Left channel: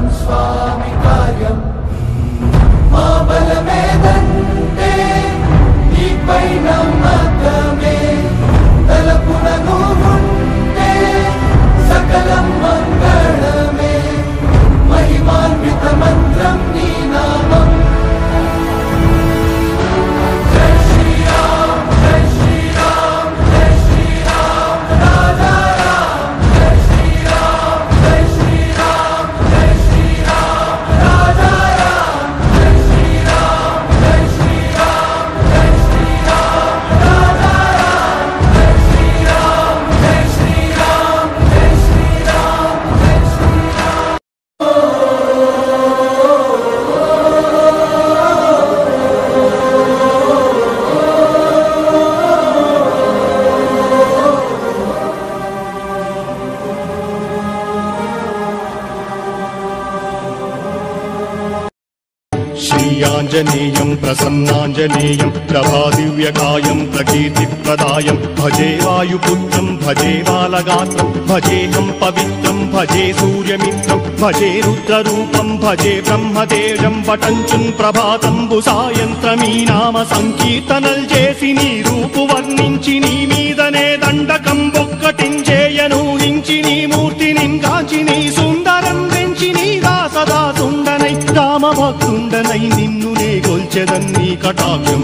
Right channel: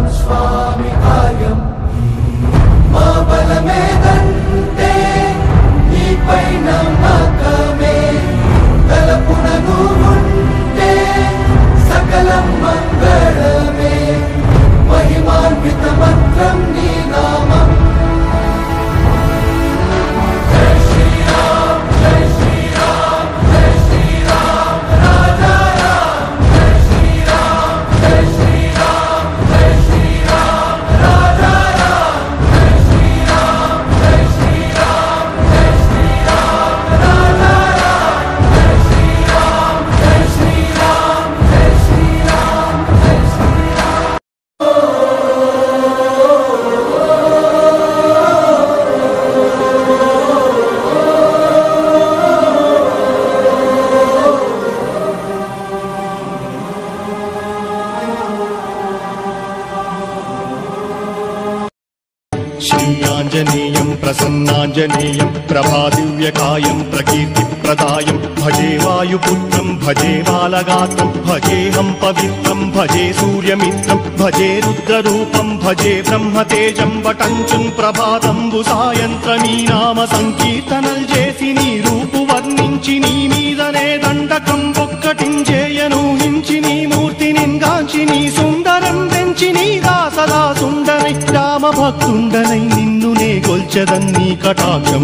మంగళం స్వామి కార్యం మా బలమేదంటే నీపై నమ్మకమే తలపున నువ్వుంటే సకలం మంగళమే महिमान्वित मंत्रम नी नामम जय श्री राम जय श्री राम जय श्री राम राजा राम जय श्री राम जय श्री राम जय श्री राम राजा राम जय श्री राम जय श्री राम जय श्री राम राजा राम जय श्री राम जय श्री राम जय श्री राम जय श्री राम श्रीयाञ्जनेयं प्रसन्नाञ्जनेयं प्रभादिव्यकायं प्रकीर्तिप्रदायं भजे वायुपुत्रं भजे बालगात्रं भजेहं पवित्रं भजे सूर्यमित्रं भजे रुद्ररूपं भजे ब्रह्मदेव्यं वटञ्चं प्रभातं सायन्त्रमी नाम संकीर्तनल చేసి నీ రూపు వర్ణించి నీ మీదనే దండకం ఒక్కటించేయను హించి నీ మూర్తిని గాంచి నీ సుందరం పెంచి నీ దాసదా సుందరై రామభక్తుండనై నిన్ను నే గొల్చెదన్ నీ కటాక్షం